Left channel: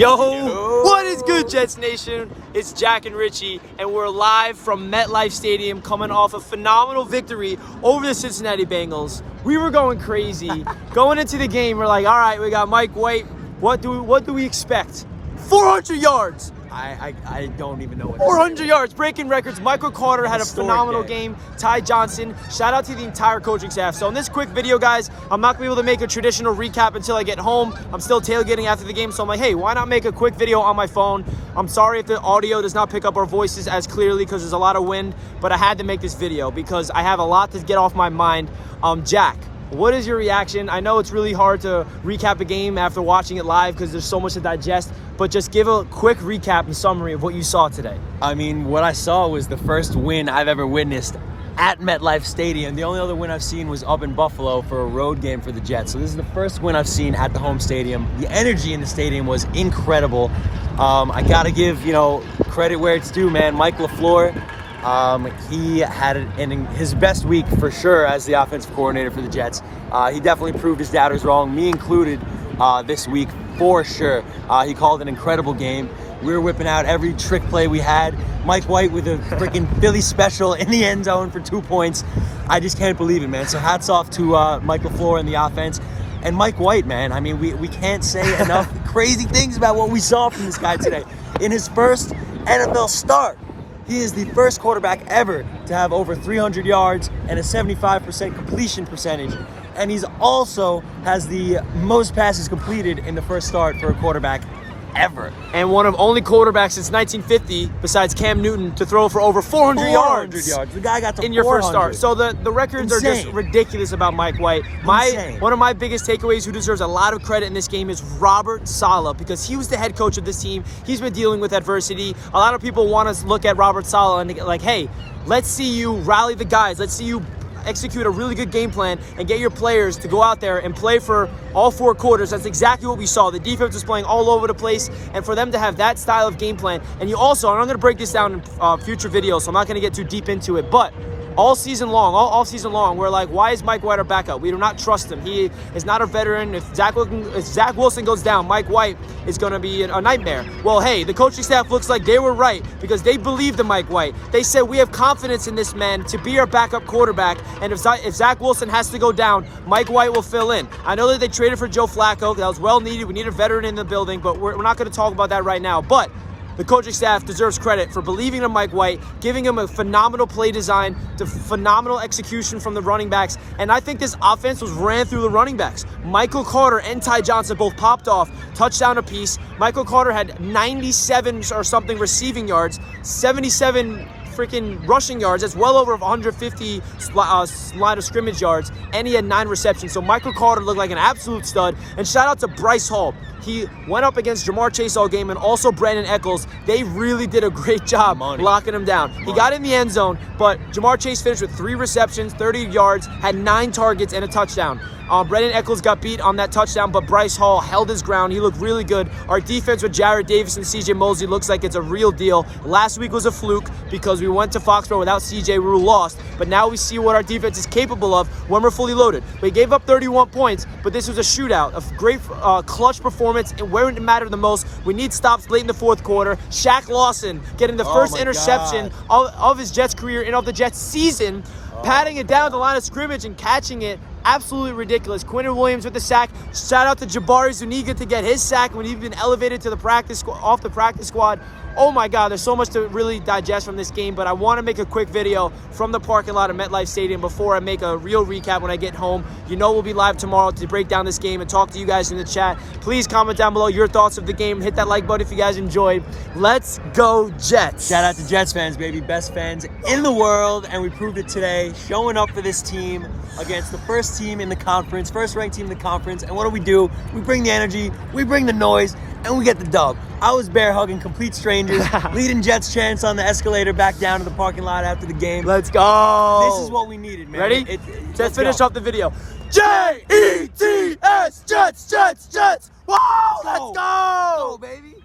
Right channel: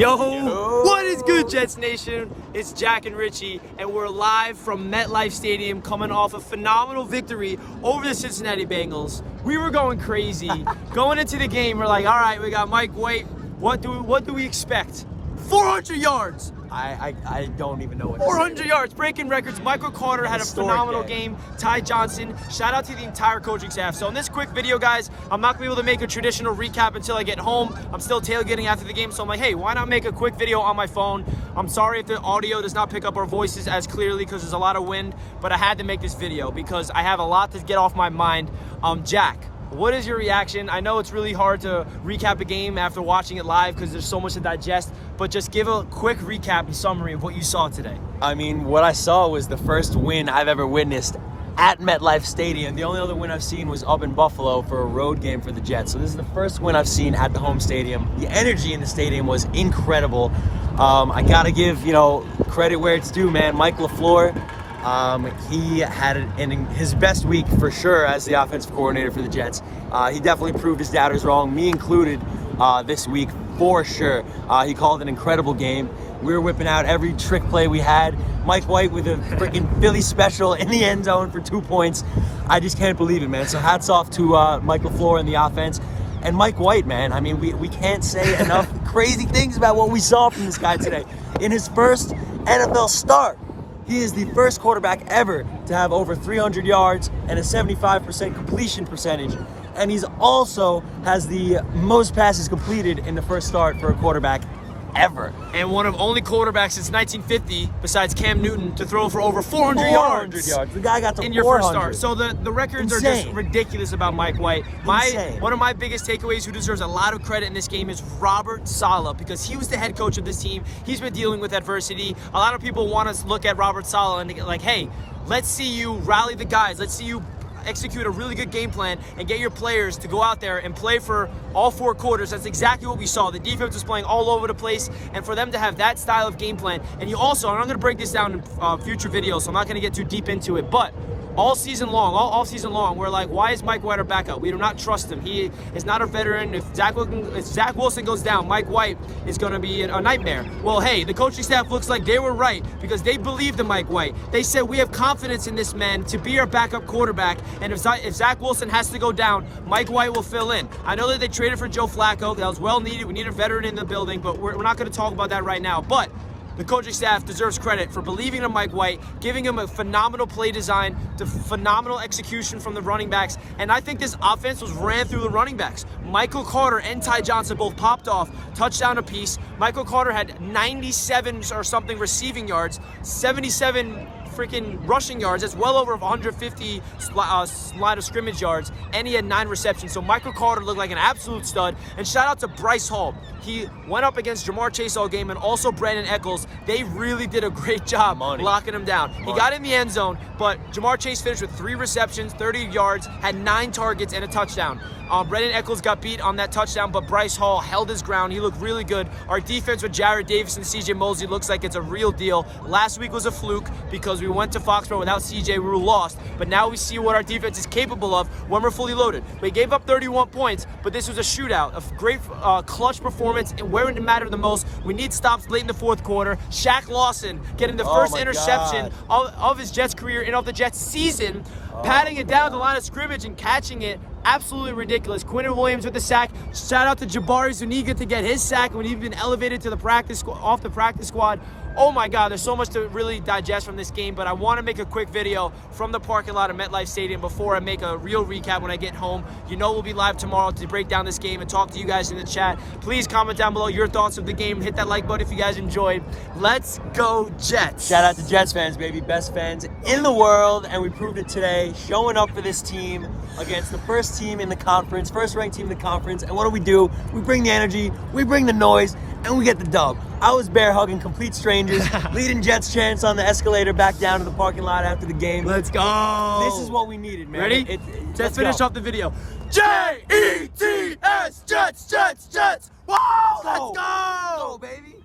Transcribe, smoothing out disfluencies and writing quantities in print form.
Yo, what is good, Jets Nation? It's Jack and Richie, and we're live from MetLife Stadium coming off a phenomenal victory over the Cincinnati Bengals. We were going crazy. Going into the game, we're like, all right, we got Mike White. What do we expect? 400 yards. I don't even know what 400 yards, breaking records. Michael Carter had a phenomenal game. Ty Johnson, shout out to the entire coaching staff. So in this quick video, guys, I'm not gonna be able to make a traditional recap until I get home. I'm still tailgating after the game, so I'm like, hey, why not make a quick video on my phone? I'm sorry if the audio does not pick up our voices as clearly because there's a lot of wind, but I had to make this video because I have a lot to get off my mind. Jack, what is your reaction? I know it's really hard to recap a game after watching it live because there's so much to digest, but just give a quick recap and summary of what you saw today. I mean, what I saw was the first win I've ever witnessed at MetLife Stadium. The only other win I've seen was up in Buffalo for a road game for the Jets. So this is the first win I've seen at the home stadium. The energy in the stadium was incredible. I gotta give, credit where it's due, man. Mike LaFleur, he had it in his best week for sure as the offensive coordinator for the Jets. He definitely proved his doubters wrong, me included, this week for sure. He called an incredible game. We were whipping out every trick play we had. Mike White with a freaking Philly special in the end zone for 2 points. I just can't believe it, man. So hats off to Mike LaFleur and the offense. And Mike White, man, I mean, we can't say enough crazy things about what we saw from this guy today. In his first NFL start, he is the first quarterback ever to have over 300 yards and a 75% completion percentage. And he's also has the most passes completed in the first start for a quarterback ever. And one of only quarterbacks since 1950, besides Cam Newton, to throw for over 400 yards. The guy got to in your first start. So the records are just ridiculous about Mike White. One of my biggest takeaways, who deserves a lot of credit in this game, is Robert Saleh, because he was the head coach of this team. He's been dealing with adversity. A lot of people want to look at Robert Saleh and like, hey, let's see you rally the guys. Let's see you execute a really good game plan and get your players to go out there and play for all 4 quarters. That's exactly what we saw. The defense was playing all over the place, and for them to have that style of game plan, and you also, and I'm going to break this down in future videos, so I'm not going to get too deep into it, but all season long, we're like, why is Mike White our backup? We do not trust him. He is not a veteran. If Zach Wilson goes down, Mike White is going to be a nightmare. Well, hey, the coaching staff looks like they were right because they believed in Mike White. They said, we have confidence in this man to be our backup quarterback, and if Zach Wilson has to go down, Mike White will fill in. I know that they traded for Joe Flacco. That was well needed. We need a veteran in the building, but we're not going to talk about that right now. But the coaching staff deserves credit for believing in Mike White, giving him a phenomenal play design, the phenomenal execution from the running backs, and I think this offense was ran through the running backs. Michael Carter and Ty Johnson both popped off, touchdown apiece. Michael Carter had 97 or something receiving yards, 77 freaking rushing yards. That's well over 150 line of scrimmage yards, and he had 9 receptions. So Michael Carter looked like an absolute stud. And shout out to Bryce Hall. He went up against Jamar Chase all game, and also Brandon Echols. They really did a great job locking him down. He got in the end zone, but Jamar Chase finished with 3 receptions, 30 yards, had 9 targets, and a touchdown. Brandon Echols got beat on that touchdown, but Bryce Hall held his ground. He looked really good. Our defense with Jared Davis and CJ Mosley looks like it's a real deal. Last week was a fluke because we went to Foxborough without CJ. We were lost, but now we see what our defense is capable of when we're fully loaded. We gave up 31 points, but this was a shootout, a great clutch performance, and where it mattered the most, we need stops late in the 4th quarter. Shaq Lawson getting the first interception of his Jets career and of the Jets season, patting it down the line of scrimmage and catching it. Absolutely ridiculous. Quinton Williams with the sack. Shout out to Jabari Zuniga to get his sack when he'd been elevated to the off the practice squad. Oh my God, there's so much to really digest from this game, but I want to make a quick video from the parking lot of MetLife Stadium before I make a real recap when I get home. You know we'll be live tomorrow to break down this game and talk to you guys in the chat. Please comment down below your thoughts of the game. Hit that like button if you guys enjoyed. Let's go Jets. Shout out to Jets fans, baby. Best fans in the world, and we proved it today, showing up for this team against the first team in the conference, first-ranked team in the conference. And what do? We bring the energy, we bring the noise, and we get the dub. I was bear hugging complete strangers, leading Jets chants on the escalator back down to the parking lot after the game. Let's go. This is what we needed, man. Ready? Let's finish off the video. Jets, Jets, Jets. Whoa, let's go, baby.